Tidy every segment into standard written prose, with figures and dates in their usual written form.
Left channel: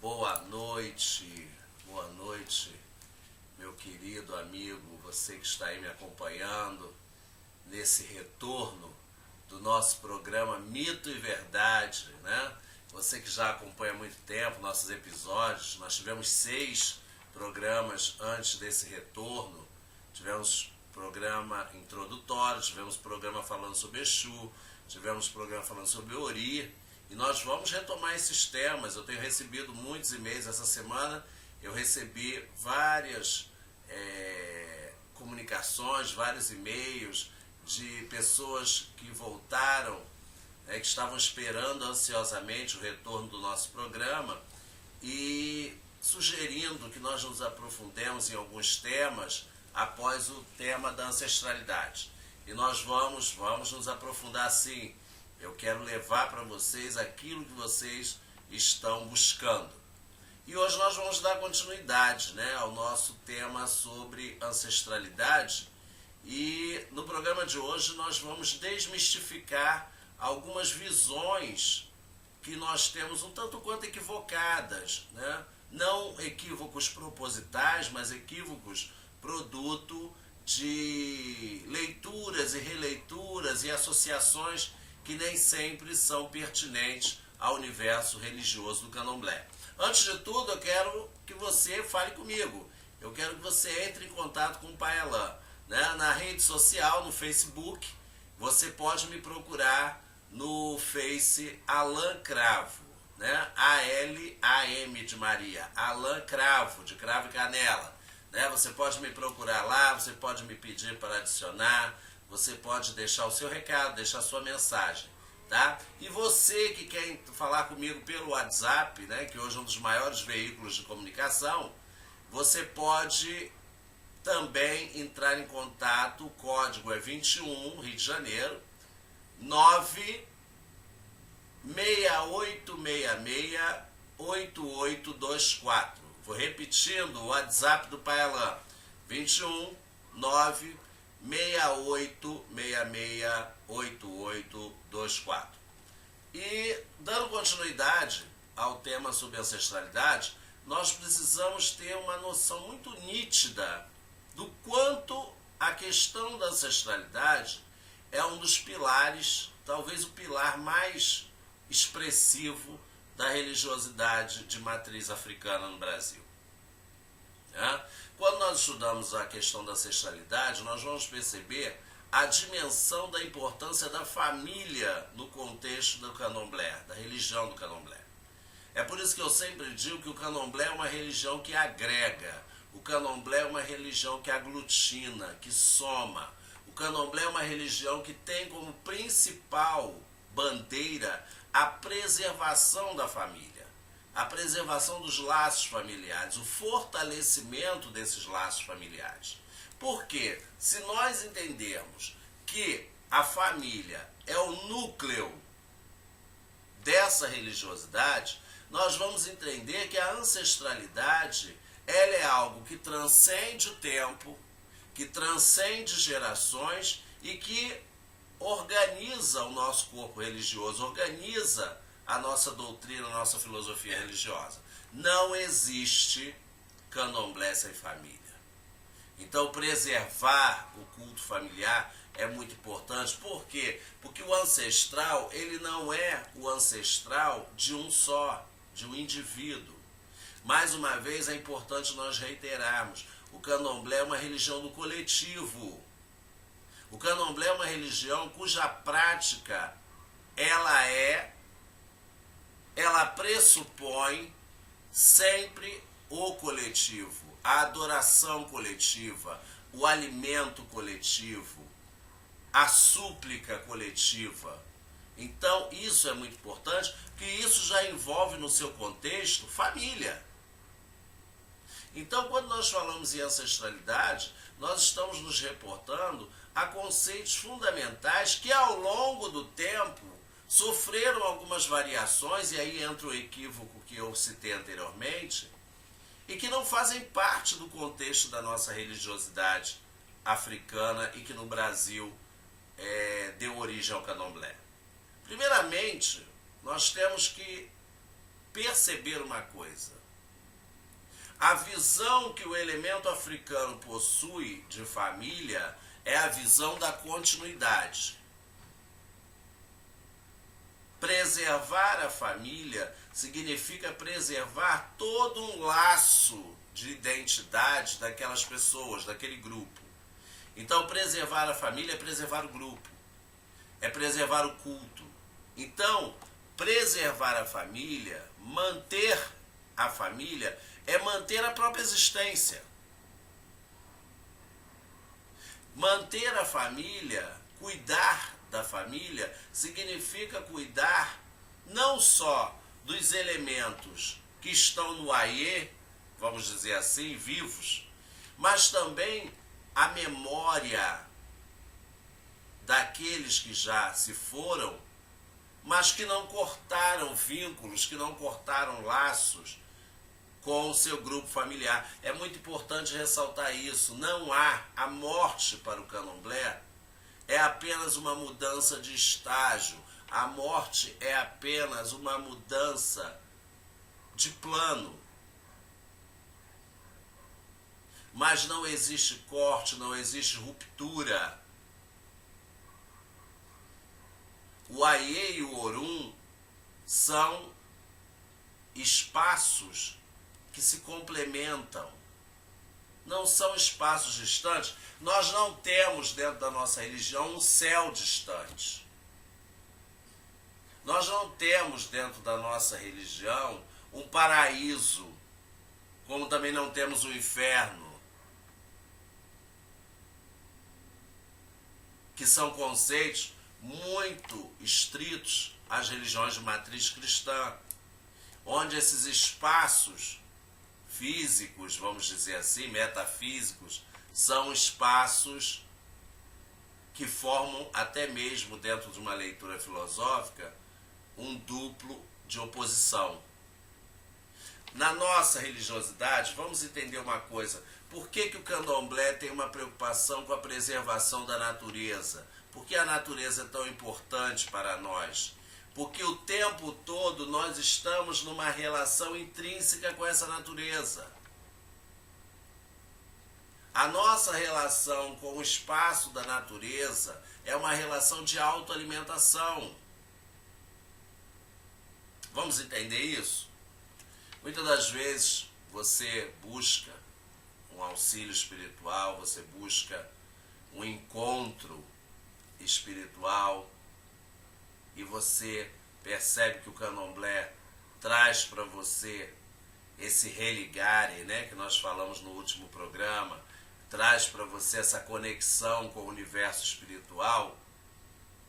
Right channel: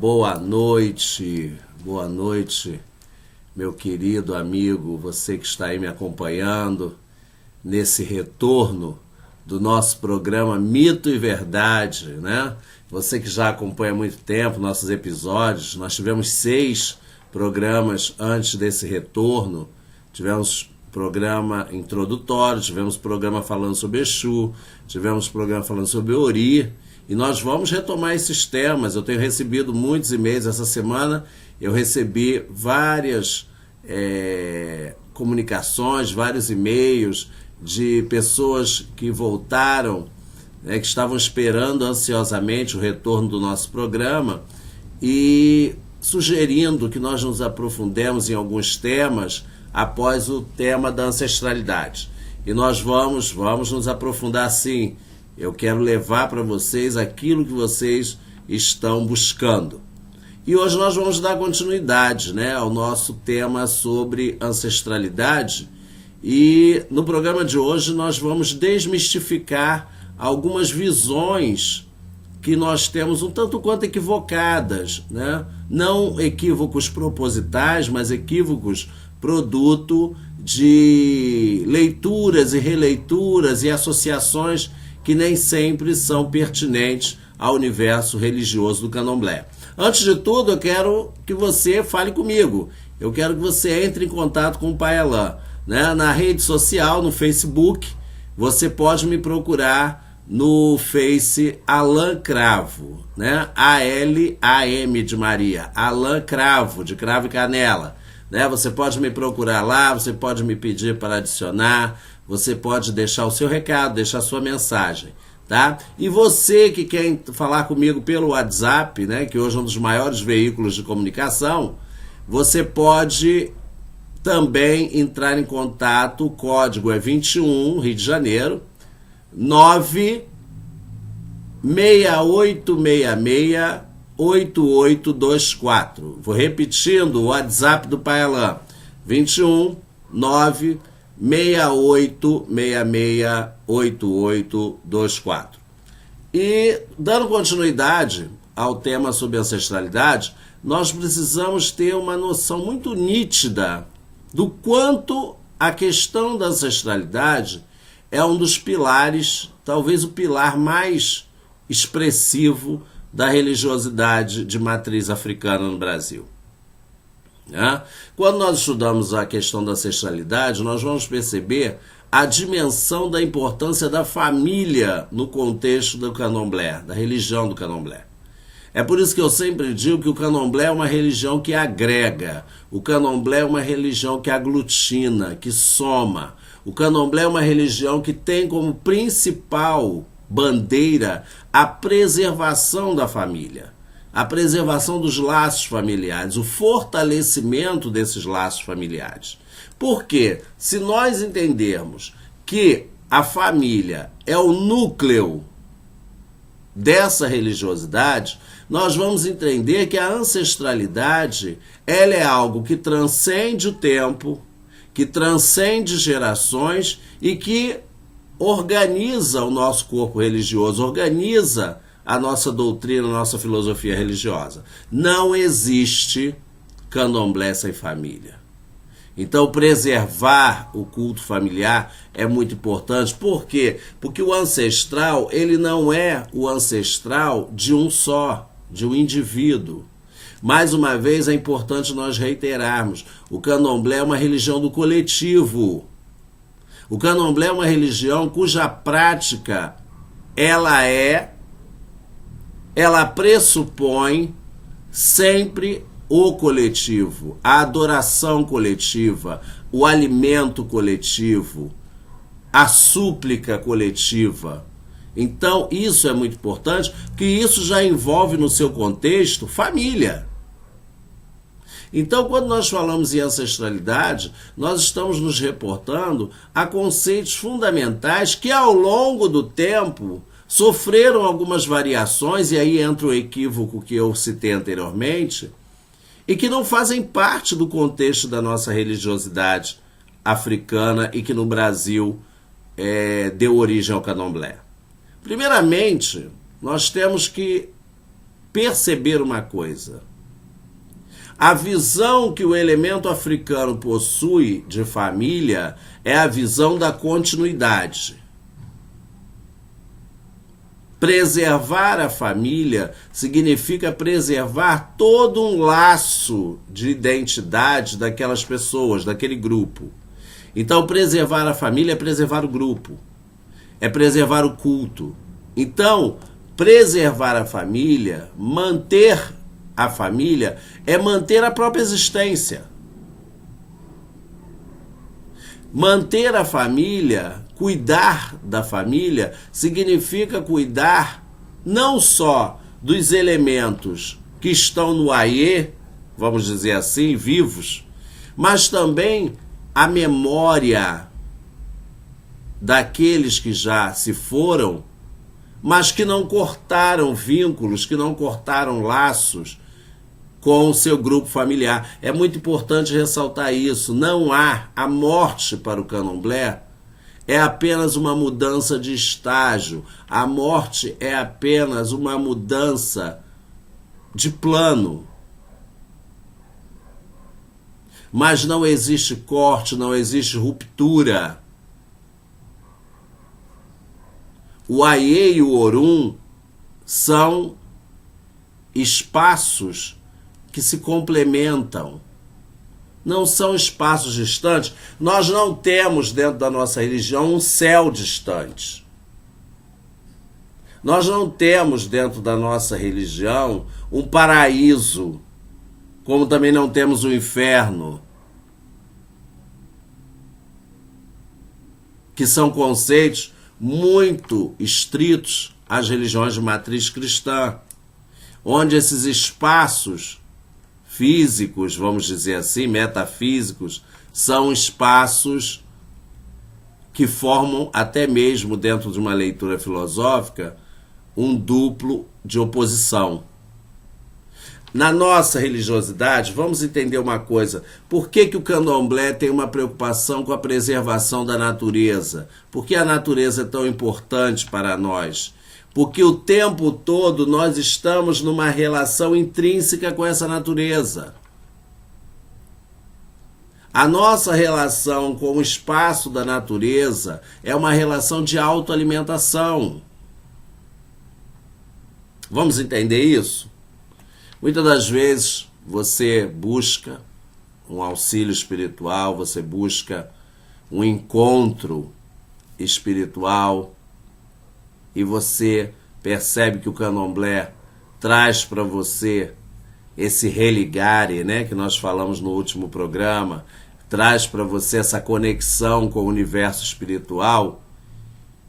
boa noite, meu querido amigo, você que está aí me acompanhando nesse retorno do nosso programa Mito e Verdade, né? Você que já acompanha há muito tempo nossos episódios, nós tivemos 6 programas antes desse retorno, tivemos programa introdutório, tivemos programa falando sobre Exu, tivemos programa falando sobre Ori, e nós vamos retomar esses temas. Eu tenho recebido muitos e-mails essa semana, eu recebi várias comunicações, vários e-mails de pessoas que voltaram, que estavam esperando ansiosamente o retorno do nosso programa e sugerindo que nós nos aprofundemos em alguns temas após o tema da ancestralidade. E nós vamos nos aprofundar sim. Eu quero levar para vocês aquilo que vocês estão buscando. E hoje nós vamos dar continuidade, ao nosso tema sobre ancestralidade. E no programa de hoje nós vamos desmistificar algumas visões que nós temos um tanto quanto equivocadas, Não equívocos propositais, mas equívocos produto de leituras e releituras e associações que nem sempre são pertinentes ao universo religioso do Candomblé. Antes de tudo, eu quero que você fale comigo. Eu quero que você entre em contato com o Pai Alain. Na rede social, no Facebook, você pode me procurar no Face Alain Cravo, A-L-A-M de Maria, Alain Cravo, de cravo e canela. Você pode me procurar lá, você pode me pedir para adicionar, você pode deixar o seu recado, deixar a sua mensagem, tá? E você que quer falar comigo pelo WhatsApp, que hoje é um dos maiores veículos de comunicação, você pode também entrar em contato, o código é 21, Rio de Janeiro, 968668824. Vou repetindo o WhatsApp do Pai Alain, 21 968668824. E dando continuidade ao tema sobre ancestralidade, nós precisamos ter uma noção muito nítida do quanto a questão da ancestralidade é um dos pilares, talvez o pilar mais expressivo da religiosidade de matriz africana no Brasil. Quando nós estudamos a questão da ancestralidade, nós vamos perceber a dimensão da importância da família no contexto do Candomblé, da religião do Candomblé. É por isso que eu sempre digo que o Candomblé é uma religião que agrega, o Candomblé é uma religião que aglutina, que soma. O Candomblé é uma religião que tem como principal bandeira a preservação da família, a preservação dos laços familiares, o fortalecimento desses laços familiares. Porque se nós entendermos que a família é o núcleo dessa religiosidade, nós vamos entender que a ancestralidade ela é algo que transcende o tempo, que transcende gerações e que organiza o nosso corpo religioso, organiza a nossa doutrina, a nossa filosofia religiosa. Não existe candomblé sem família. Então, preservar o culto familiar é muito importante. Por quê? Porque o ancestral, ele não é o ancestral de um só, de um indivíduo. Mais uma vez, é importante nós reiterarmos, o candomblé é uma religião do coletivo. O candomblé é uma religião cuja prática, ela pressupõe sempre o coletivo, a adoração coletiva, o alimento coletivo, a súplica coletiva. Então, isso é muito importante, porque isso já envolve no seu contexto família. Então, quando nós falamos em ancestralidade, nós estamos nos reportando a conceitos fundamentais que, ao longo do tempo, sofreram algumas variações, e aí entra o equívoco que eu citei anteriormente, e que não fazem parte do contexto da nossa religiosidade africana e que no Brasil deu origem ao candomblé. Primeiramente, nós temos que perceber uma coisa. A visão que o elemento africano possui de família é a visão da continuidade. Preservar a família significa preservar todo um laço de identidade daquelas pessoas, daquele grupo. Então, preservar a família é preservar o grupo, é preservar o culto. Então, preservar a família, manter a família, é manter a própria existência. Manter a família, cuidar da família, significa cuidar não só dos elementos que estão no Aie, vamos dizer assim, vivos, mas também a memória daqueles que já se foram, mas que não cortaram vínculos, que não cortaram laços com o seu grupo familiar. É muito importante ressaltar isso. Não há a morte para o candomblé, é apenas uma mudança de estágio. A morte é apenas uma mudança de plano. Mas não existe corte, não existe ruptura. O Aie e o Orum são espaços que se complementam. Não são espaços distantes. Nós não temos dentro da nossa religião um céu distante. Nós não temos dentro da nossa religião um paraíso, como também não temos o inferno, que são conceitos muito estritos às religiões de matriz cristã, onde esses espaços físicos, vamos dizer assim, metafísicos, são espaços que formam, até mesmo dentro de uma leitura filosófica, um duplo de oposição. Na nossa religiosidade, vamos entender uma coisa. Por que o candomblé tem uma preocupação com a preservação da natureza? Por que a natureza é tão importante para nós? Porque o tempo todo nós estamos numa relação intrínseca com essa natureza. A nossa relação com o espaço da natureza é uma relação de autoalimentação. Vamos entender isso? Muitas das vezes você busca um auxílio espiritual, você busca um encontro espiritual e você percebe que o candomblé traz para você esse religare, né, que nós falamos no último programa, traz para você essa conexão com o universo espiritual.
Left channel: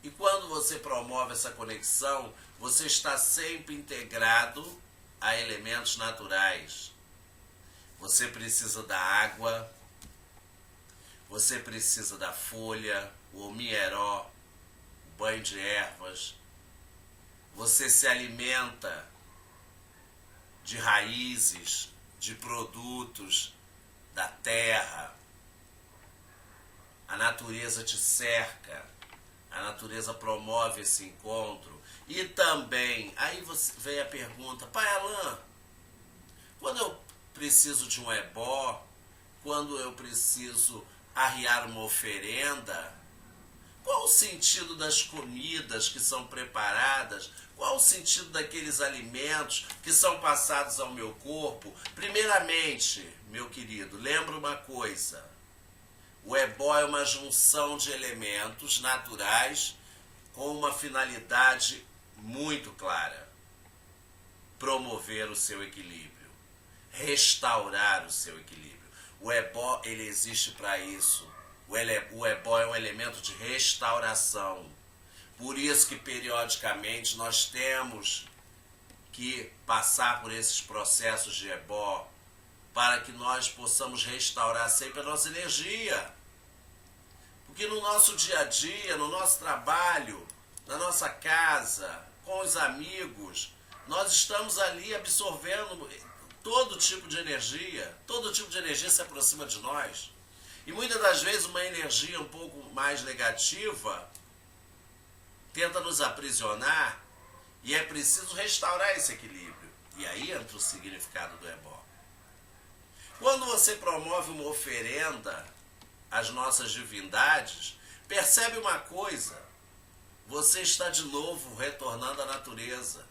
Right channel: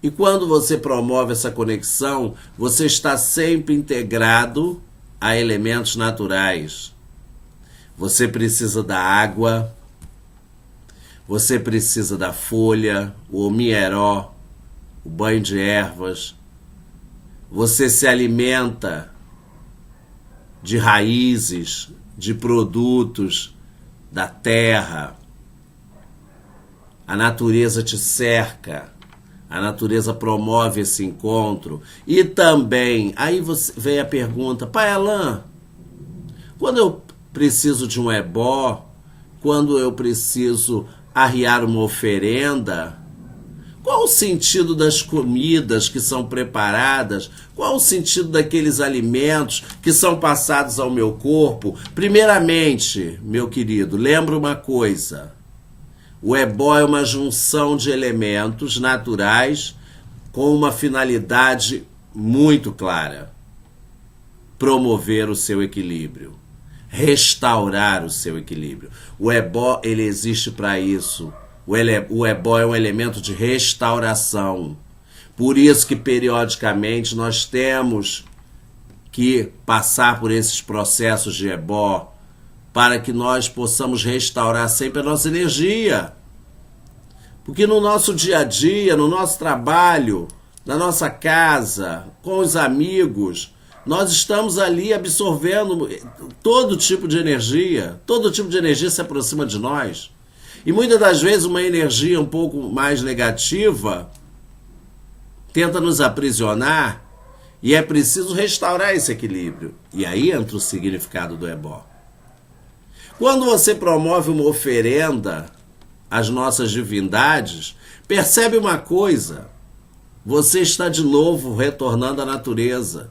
E quando você promove essa conexão, você está sempre integrado a elementos naturais. Você precisa da água, você precisa da folha, o omieró, o banho de ervas. Você se alimenta de raízes, de produtos da terra. A natureza te cerca. A natureza promove esse encontro. E também, aí vem a pergunta, Pai Alain, quando eu preciso de um ebó, quando eu preciso arriar uma oferenda, qual o sentido das comidas que são preparadas? Qual o sentido daqueles alimentos que são passados ao meu corpo? Primeiramente, meu querido, lembra uma coisa. O ebó é uma junção de elementos naturais com uma finalidade muito clara. Promover o seu equilíbrio. Restaurar o seu equilíbrio. O ebó, ele existe para isso. O ebó é um elemento de restauração. Por isso que periodicamente nós temos que passar por esses processos de ebó, para que nós possamos restaurar sempre a nossa energia. Porque no nosso dia a dia, no nosso trabalho, na nossa casa, com os amigos, nós estamos ali absorvendo todo tipo de energia se aproxima de nós. E muitas das vezes uma energia um pouco mais negativa tenta nos aprisionar E é preciso restaurar esse equilíbrio. E aí entra o significado do ebó. Quando você promove uma oferenda às nossas divindades, percebe uma coisa: você está de novo retornando à natureza.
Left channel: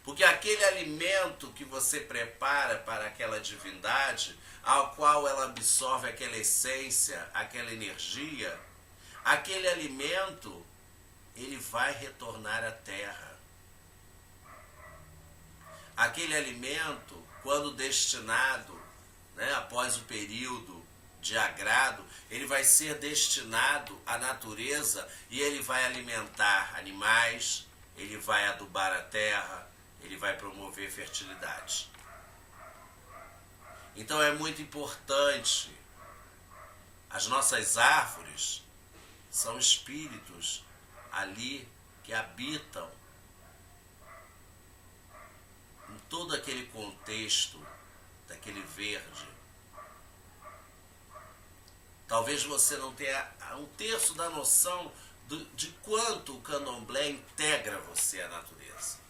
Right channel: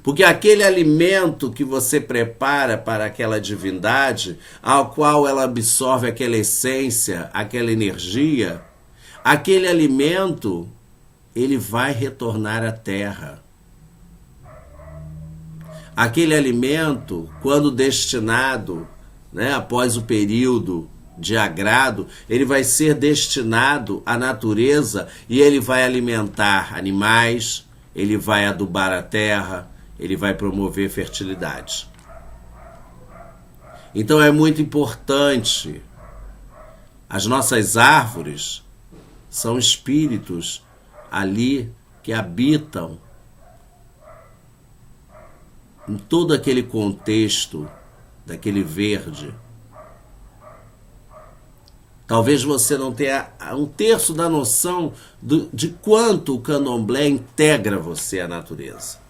Porque aquele alimento que você prepara para aquela divindade, ao qual ela absorve aquela essência, aquela energia, aquele alimento, ele vai retornar à terra. Aquele alimento, quando destinado, após o período de agrado, ele vai ser destinado à natureza e ele vai alimentar animais, ele vai adubar a terra, ele vai promover fertilidade. Então é muito importante. As nossas árvores são espíritos ali que habitam em todo aquele contexto daquele verde. Talvez você não tenha um terço da noção de quanto o candomblé integra você à natureza.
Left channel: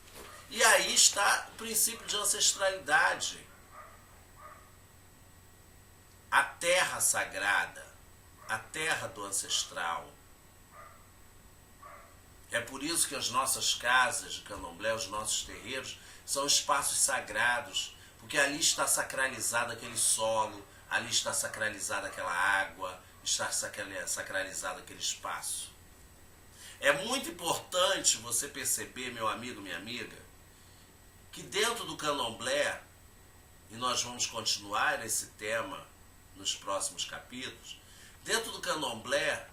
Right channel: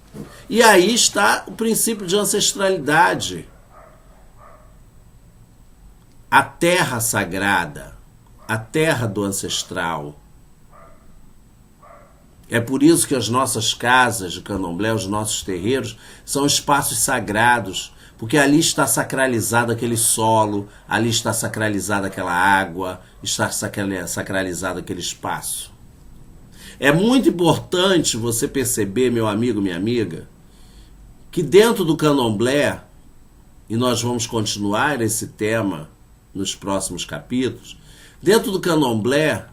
E aí está o princípio de ancestralidade. A terra sagrada, a terra do ancestral. É por isso que as nossas casas de candomblé, os nossos terreiros, são espaços sagrados, porque ali está sacralizado aquele solo, ali está sacralizada aquela água, está sacralizado aquele espaço. É muito importante você perceber, meu amigo, minha amiga, que dentro do candomblé, e nós vamos continuar esse tema nos próximos capítulos, dentro do candomblé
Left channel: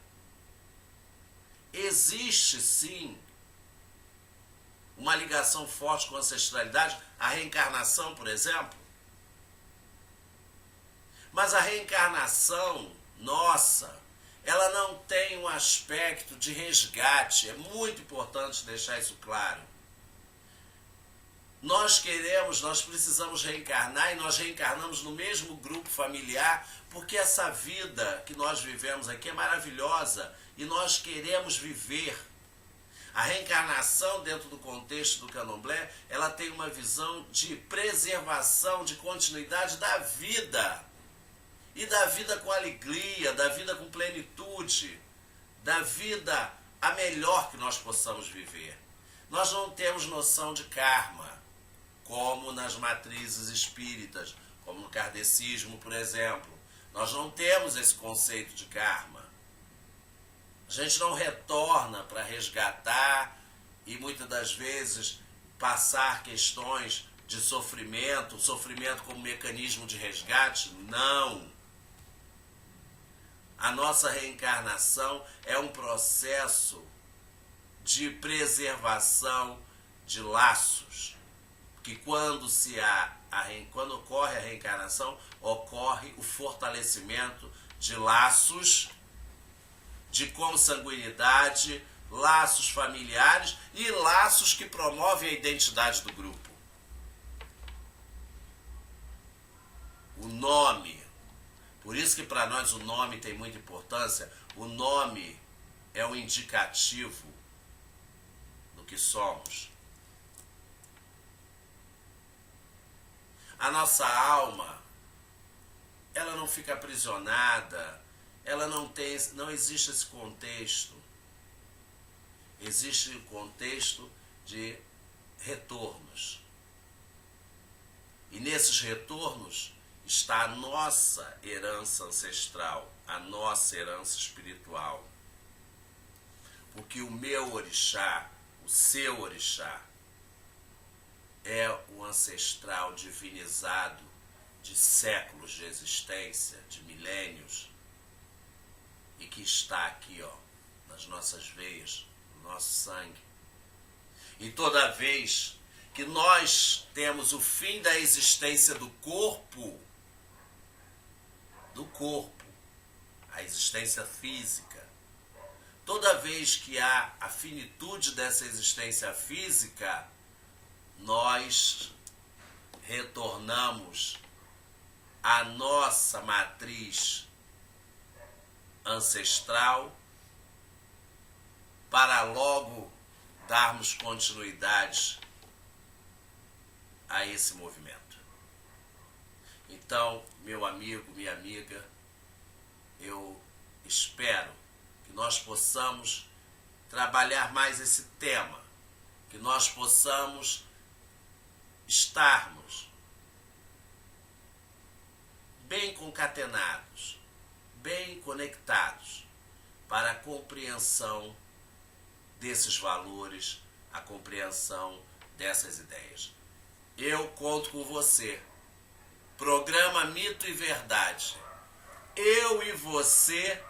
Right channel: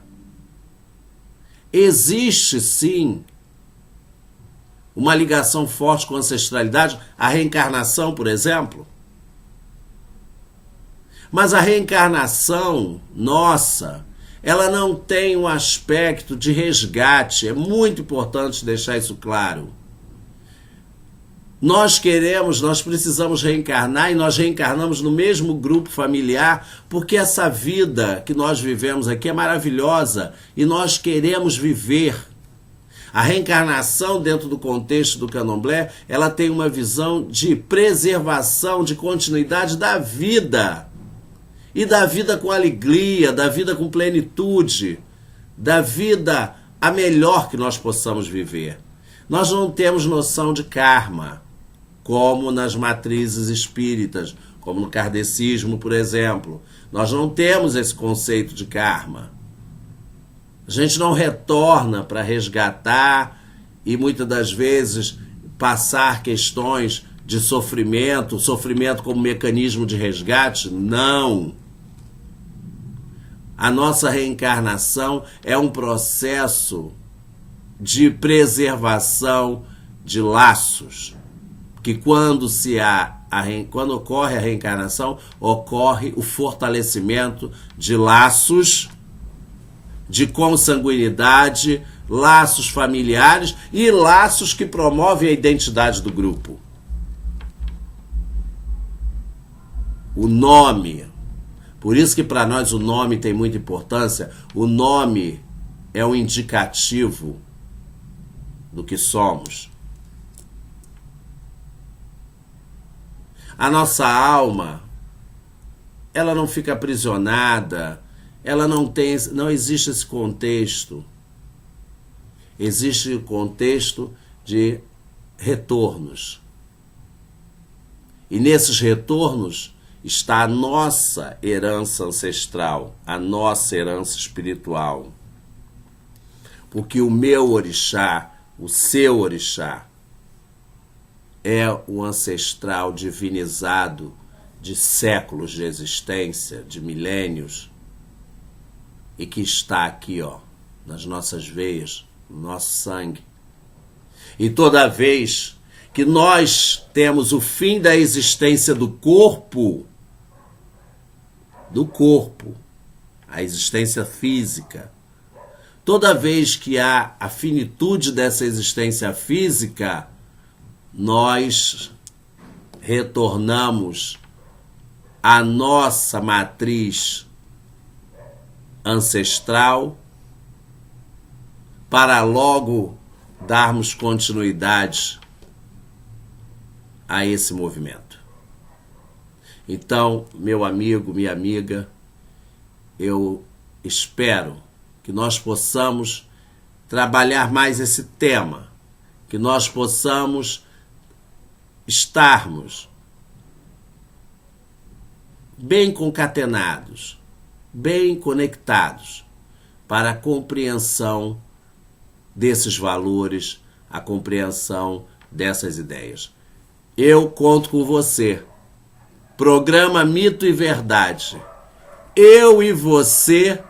existe sim uma ligação forte com a ancestralidade, a reencarnação, por exemplo. Mas a reencarnação nossa, ela não tem um aspecto de resgate. É muito importante deixar isso claro. Nós precisamos reencarnar e nós reencarnamos no mesmo grupo familiar porque essa vida que nós vivemos aqui é maravilhosa e nós queremos viver. A reencarnação dentro do contexto do candomblé, ela tem uma visão de preservação, de continuidade da vida. E da vida com alegria, da vida com plenitude, da vida a melhor que nós possamos viver. Nós não temos noção de karma, como nas matrizes espíritas, como no kardecismo, por exemplo. Nós não temos esse conceito de karma. A gente não retorna para resgatar e muitas das vezes passar questões de sofrimento, sofrimento como mecanismo de resgate. Não. A nossa reencarnação é um processo de preservação de laços, que quando ocorre a reencarnação, ocorre o fortalecimento de laços de consanguinidade, laços familiares e laços que promovem a identidade do grupo. O nome. Por isso que para nós o nome tem muita importância. O nome é um indicativo do que somos. A nossa alma, ela não fica aprisionada, ela não existe esse contexto. Existe o contexto de retornos. E nesses retornos está a nossa herança ancestral, a nossa herança espiritual. Porque o meu orixá, o seu orixá, é o ancestral divinizado de séculos de existência, de milênios, e que está aqui, nas nossas veias, no nosso sangue. E toda vez que nós temos o fim da existência do corpo, a existência física, toda vez que há a finitude dessa existência física, nós retornamos à nossa matriz ancestral para logo darmos continuidade a esse movimento. Então, meu amigo, minha amiga, eu espero que nós possamos trabalhar mais esse tema, que nós possamos estarmos bem concatenados, bem conectados para a compreensão desses valores, a compreensão dessas ideias. Eu conto com você. Programa Mito e Verdade. Eu e você